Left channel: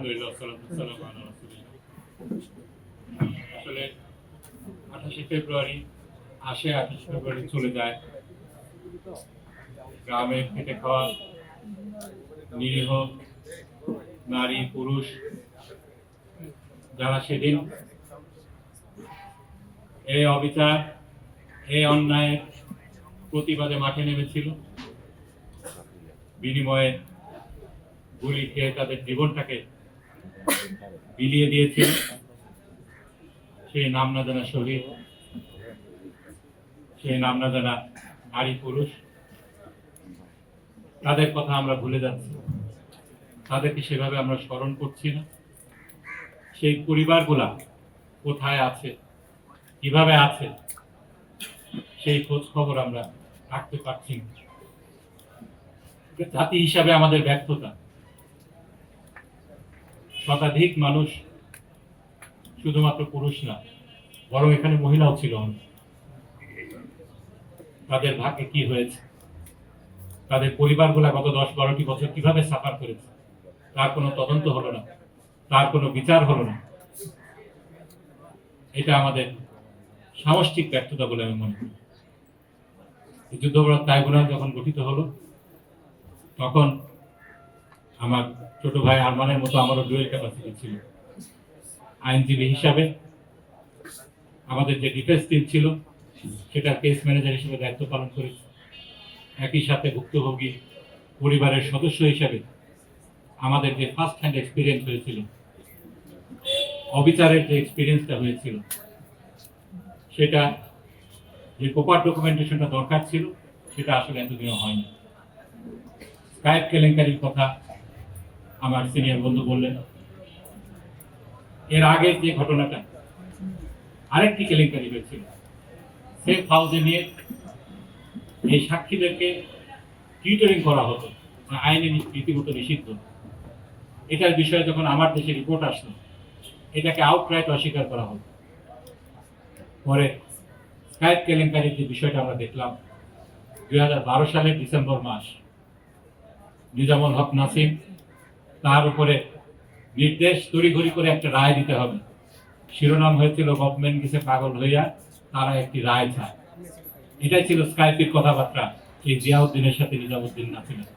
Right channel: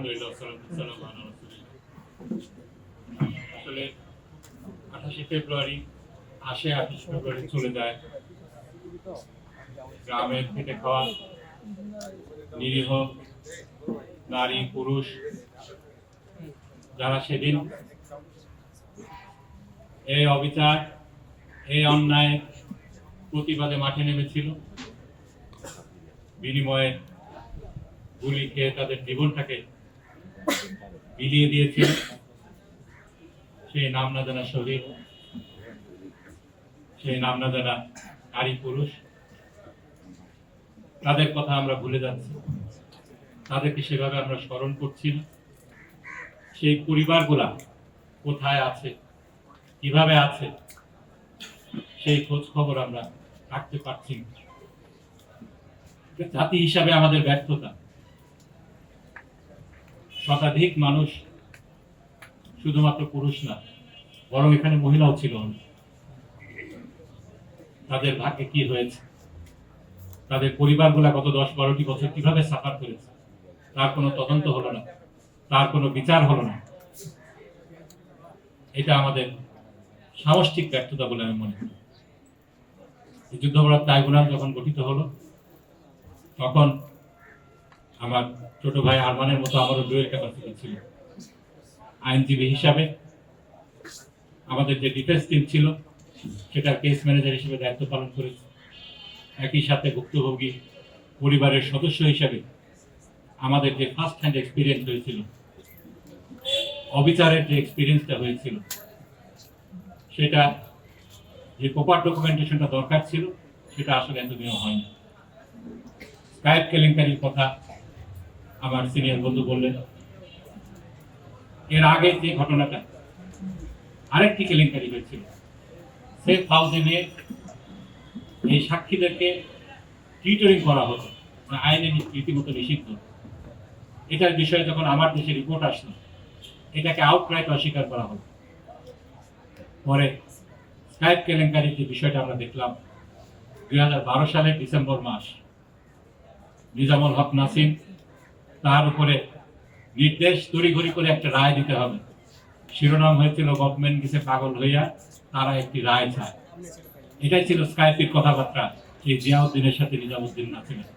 আলহামদুলিল্লাহ সালাম আলা রাসূলিল্লাহ। আসলে 28শে ফেব্রুয়ারি আসে, 28শে ফেব্রুয়ারি চলে যায়। গ্রামের খেটে খাওয়া নিরীহ নারী পুরুষ যারা সেদিন এই অবিচার, এই অন্যায় প্রতিবাদে মাঠে নেমেছিল, বিনিময়ে গুলি খেয়ে তাদের জীবনটাকে বিলিয়ে দিয়েছিল, সেই নাম না জানা শহীদ, সেই নাম না জানা নারী পুরুষ, তাদের কথা আমরা ভুলে যাচ্ছি, তাদেরকে সেভাবে আমরা স্মরণ করছি না। সেই পরিবারগুলা কোথায় আছে, কিভাবে আছে, সেই খোঁজ খবর আমরা রাখতে পারছি না। জাতি হিসাবে আমাদের ব্যর্থতা। শতাধিক মানুষ, শুধুমাত্র পুরুষ না, বরং এখানে মহিলাও ছিল, তাদের ভাগ্যে কি হয়েছে, তাদের পরিবারগুলা গত 10-12টি বছর কিভাবে সাফার করেছে, তার কোনো তদন্ত হলো না, তার কোনো বিচার হলো না। এটা আমাদের সামষ্টিক ব্যর্থতা বলে আমি মনে করি। যুদ্ধাপরাধ ট্রাইব্যুনাল যখন গঠিত হলো, তখন আমার ছোট ভাই আরমানের মতো আমারও ডুয়েল ক্যাপাসিটি ছিল। আইনজীবী হিসাবে আমাদের যে ডিফেন্স টিম ছিল, সেটার কেস ম্যানেজার হিসেবে দায়িত্ব পালন করেছি। একই সাথে ভুক্তভোগী পরিবারের সদস্য হিসাবে আমাদের যে ফার্স্ট হ্যান্ড এক্সপিরিয়েন্স হয়েছিল, অবিচারের যে এক্সপিরিয়েন্সটা হয়েছিল, সেটা যে প্রপার ডকুমেন্টেশনটা দরকার ছিল, সেটা আসলে এতদিনও হয়নি। স্কাইপ কেলেঙ্কারির কথা আমার সিনিয়র বন্ধু বললেন। এর আগে যে ঘটনাটা, আরেকটি কেলেঙ্কারি হয়েছিল, সেফ হাউসে নিয়ে এই সাক্ষীদেরকে টিউটরিং করা হতো, আইনে রীতিমতো নিষিদ্ধ। এটার বিষয়ে যখন আমার দেশে রিপোর্ট আসলো, এটাকে আউটরাইট অস্বীকার করা হলো। পরে স্কাইপ কেলেঙ্কারির যে বিষয়টা আমরা দেখলাম, 2012 সালের ডিসেম্বর মাস, নিজামুল হক নাসিম, তার উপরে নির্দেশ তড়িঘড়ি করে একটা রায় দিতে হবে। শিরোনাম হয়েছিল গভর্নমেন্ট গেছে পাগল হইয়া, তারা একটি রায় চায়। এটাই ছিল স্কাইপের কথাবার্তা এই জিয়াউদ্দিনের সাথে নিজামুদ্দিন নাসিমের।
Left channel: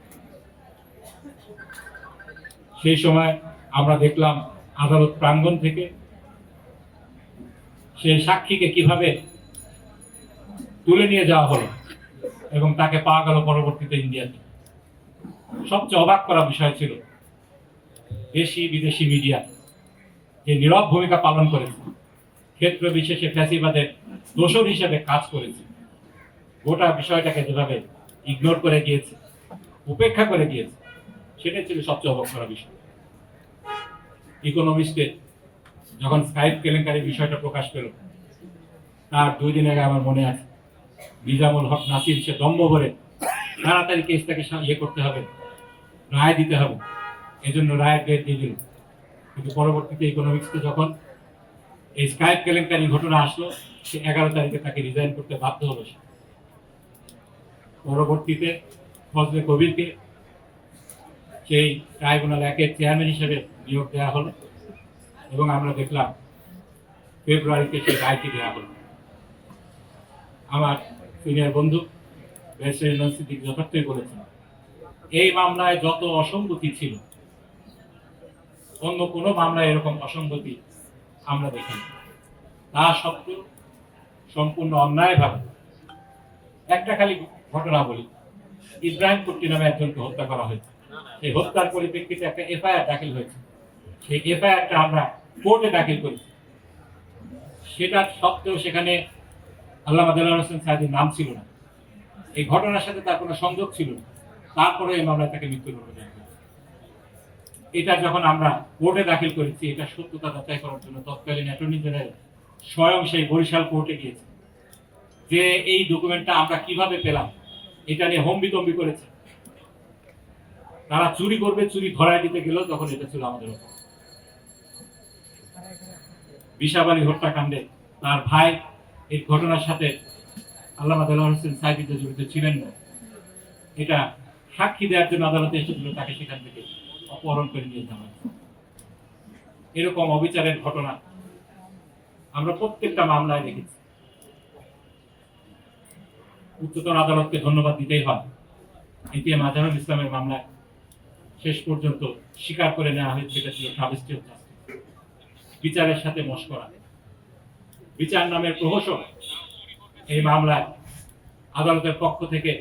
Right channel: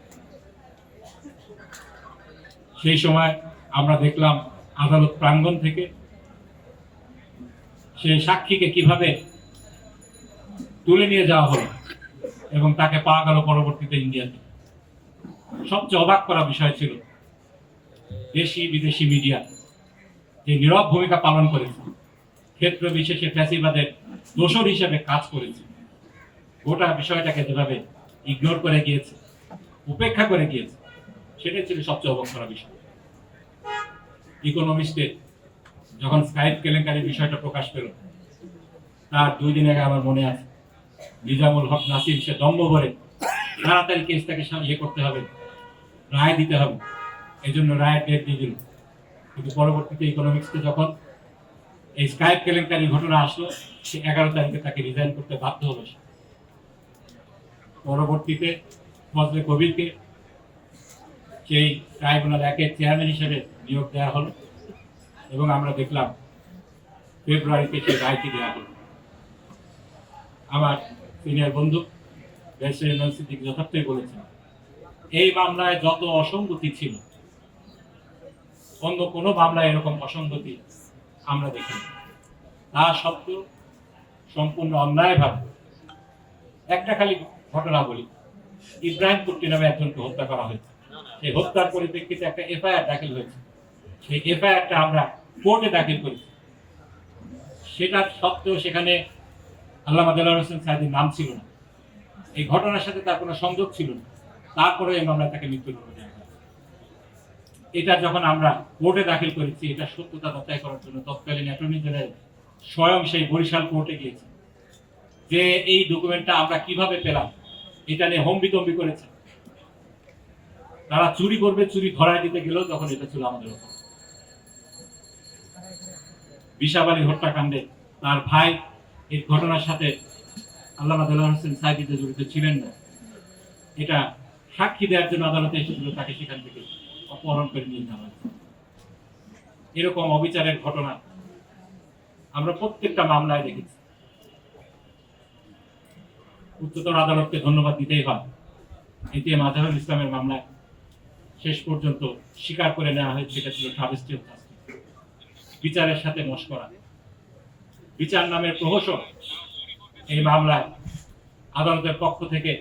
সেই সময় আমরা দেখলাম আদালত প্রাঙ্গণ থেকে সেই সাক্ষীকে কিভাবে তুলে নিয়ে যাওয়া হলো এবং তাকে পাওয়া গেল পরবর্তীতে ইন্ডিয়াতে। সবচেয়ে অবাক করা বিষয় ছিল, দেশি বিদেশি মিডিয়া যে নীরব ভূমিকা পালন করেছে, ক্ষেত্র বিশেষে ফ্যাসিবাদের দোষর হিসেবে কাজ করেছে, গোটা বিষয়টাকে যেভাবে ইগনোর করে গিয়েছে, উপেক্ষা করে গিয়েছে, সেটাই ছিল সবচেয়ে অবাক করা বিষয়। ইকোনমিস্টের যখন স্কাইপ কেলেঙ্কারির বিষয়টা প্রকাশ পেল, তার 2 দিন আগে আমার মনে আছে, নিজামুল হক নাসিম সে দম্ভ ভরে তাড়াতাড়ি কেসটাকে ইয়ে করতে হবে, রায় দিতে হবে, এই জন্য রায়ের ডেট দিয়ে দিল। কিন্তু পরবর্তীতে ইকোনমিক্সকে যখন এই স্কাইপ কেলেঙ্কারি ঘটনা আসলো, সে 11 তারিখে তাকে রিজাইন করতে বাধ্য হলো। পরবর্তীতে ফজলে কবিরকে সেই ট্রাইব্যুনাল 1-এর চেয়ারম্যান হিসেবে নিয়োগ দেওয়া হলো এবং আমরা দেখলাম ফেব্রুয়ারিতে সেই রায়টি দেওয়া হলো। আমার সিনিয়র বন্ধু ব্যারিস্টার ইমরান সিদ্দিক যথার্থই বলেছেন, এই মামলায় যত অসঙ্গতি ছিল, অন্য কোনো মামলায় এরকম অসঙ্গতি আমরা দেখিনি। তা সত্ত্বেও সম্পূর্ণ অন্যায়ভাবে একটা খালি ঘটনা বলি, ইব্রাহিম কুট্টি নামে একজনকে হত্যা করা হয়েছে। সেই হত্যার পরিপ্রেক্ষিতে একটা এফআইআর দাখিল হয়েছে। সেই এফআইআরটা আমরা কোর্টে দাখিল করেছি। সেটা সত্ত্বেও সেখানে আল্লামা দেলোয়ার হোসেন সাঈদীর নাম ছিল না, এই ঘটনার সাথে তার কোনো সংযোগ ছিল না। তারপরে এই মামলা তাকে মৃত্যুদণ্ড দেওয়া হয়। এটা যখন আমরা কোর্টে দাখিল করেছি, এটা সত্যতা যাচাই করার জন্য তৎকালীন অ্যাটর্নি জেনারেল স্বয়ং সেই বরিশাল কোর্টে গিয়েছে, যে এই ডকুমেন্টটা আমরা কিভাবে পেলাম, এটা নিয়ে হম্বিতম্বি করেছে। তারা চুরি করবে, চুরি ধরায় দিতে গেলেও তখন এটা ছিল আমাদের ওপর। বিশাবালী হত্যাকাণ্ডে তার ভাই এই ঘটনার সাথে আল্লামা দেলোয়ার হোসেন সাঈদী জড়িত ছিলেন না, এটা সাক্ষী দেওয়ার জন্য আদালতে এসেছিল, তাকে সেখান থেকে অপহরণ করে নিয়ে যাওয়া হয়েছে। এরকম অবিচারের ঘটনা আমরা প্রত্যেকটা মামলায় দেখেছি। উচ্চতর আদালতকে ধন্যবাদ দিতেই হয়, এটিএম আজহারুল ইসলামের মামলায় শেষ পর্যন্ত স্বীকার করে নেওয়া হয়েছে এটা ছিল ট্রাভেস্টি অফ জাস্টিস, বিচারের সাথে মশকরা, বিচার নামের প্রহসন। এই মামলায় আদালতের পক্ষ থেকে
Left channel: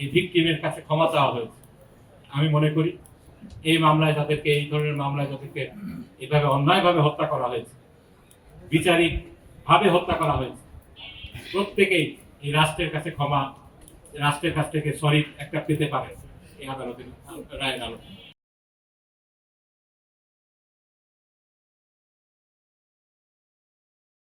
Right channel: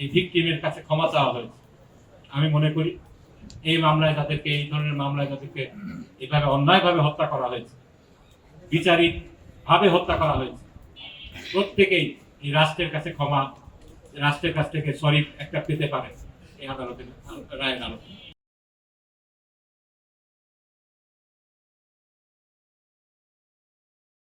এই ভিকটিমের কাছে ক্ষমা চাওয়া হয়েছে। আমি মনে করি এই মামলায় যাদেরকে, এই ধরনের মামলায় যাদেরকে এইভাবে অন্যায়ভাবে হত্যা করা হয়েছে, বিচারিক ভাবে হত্যা করা হয়েছে, প্রত্যেকেই এই রাষ্ট্রের কাছে ক্ষমা, রাষ্ট্রের কাছ থেকে সরি একটা পেতে পারে এই আদালতের রায়ের আলোকে।